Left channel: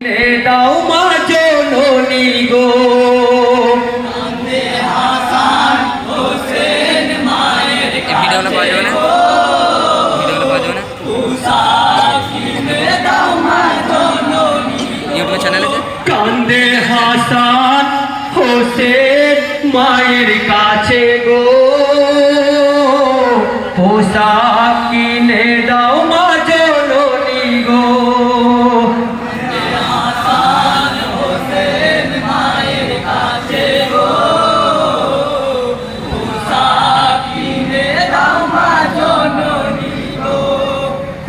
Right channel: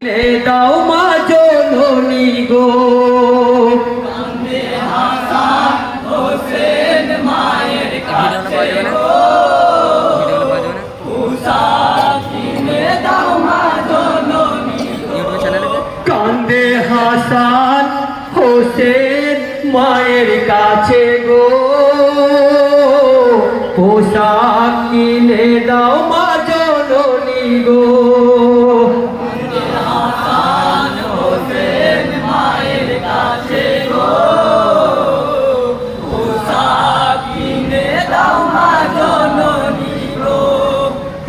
নে দাও মা জননী গো। এই পাওয়া যাবে না? ভিডিওগুলো পাওয়া যাবে না? ইউটিউব চ্যানেল কান্দে হাসান হোসেন মায়ের কাছে গো। পোশাক কিনে দাও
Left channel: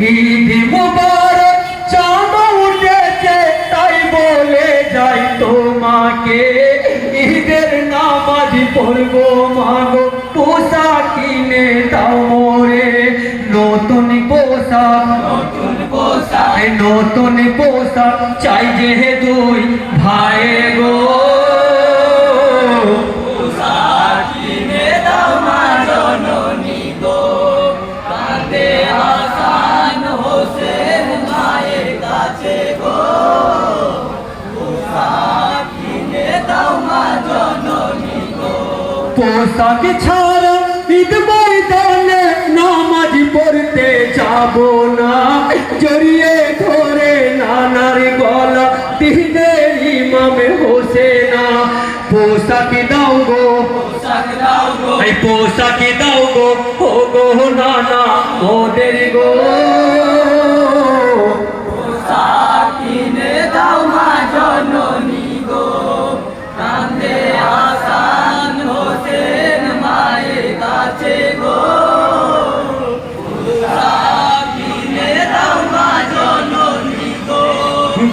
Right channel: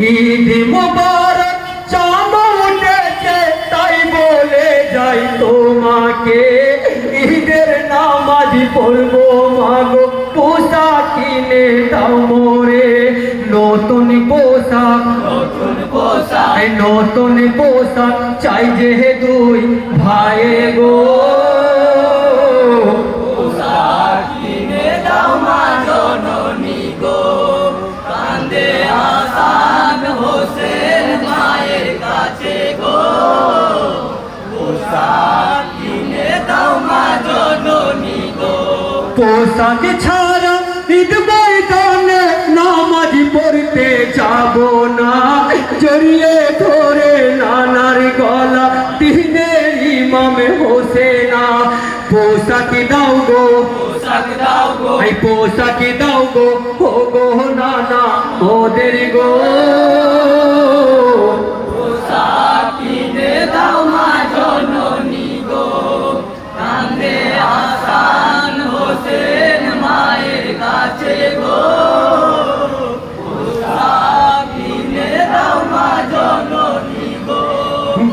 ঈদ মুবারক চাঁদ উঠেছে তাই বলে যাই তোমাকে। ঈদের নামাজ পড়ব মাগো পোশাক কিনে দাও মোরে। নতুন পোশাক নতুন পোশাক। নতুন পোশাক চাই যে দুই ভাই গো পোশাক ছাড়া ঈদ ময়দানে নামাজ পড়তে যাব না। জড়িয়ে ধরে নানার গলা দিনের ইমাম হোসেনা। পোশাক দাও গো। এই পোশাক দাও গো। ও গো নানা ওদের গো।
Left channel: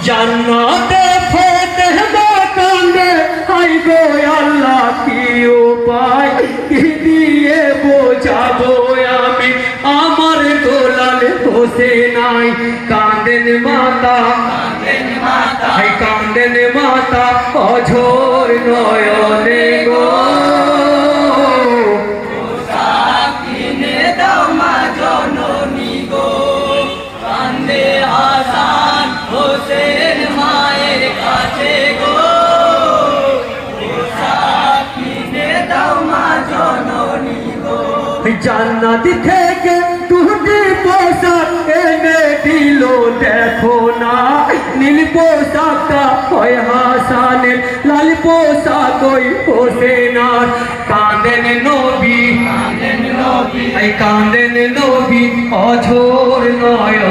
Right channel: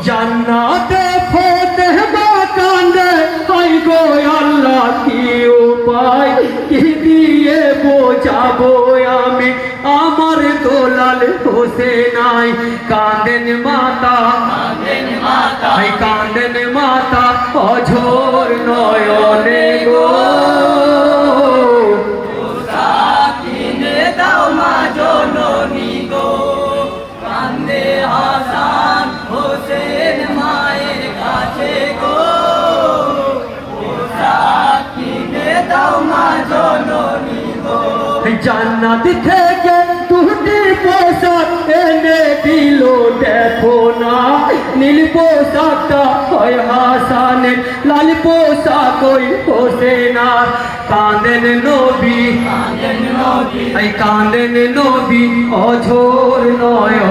জান্নাতে ফতে কান্দে হাই গো আল্লাহ কি উপায়? কি দিয়ে বোঝাবো আমি? আমার দোলাল হোসে নাই। কান্দেন মাতা। হাই কান্দেন মাতা অঝোর নয়নে। জান্নাত থেকে দুটি পোশাক এনে দিল দেখো না। নীল পোশাকটা হয় হাসানের লাল পোশাক ওই হোসেনার। কাঁদেন নবী কাঁদেন নবী। কাঁদেন নবী অঝোর নয়নে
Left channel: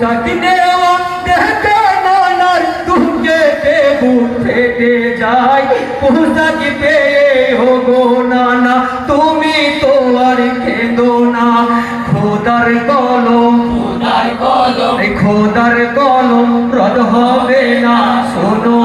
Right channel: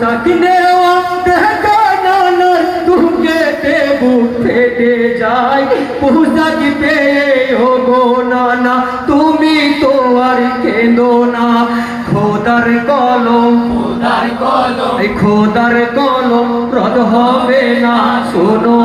পোশাক নেওয়া দেখা নানার তুকে দেবু ফেটে যায়। পোশাক হো গো নানা তুমি তো আর কেঁদো না। খোদার কলম খোদার কলম খোদার কলম রদ হবে না। শোনো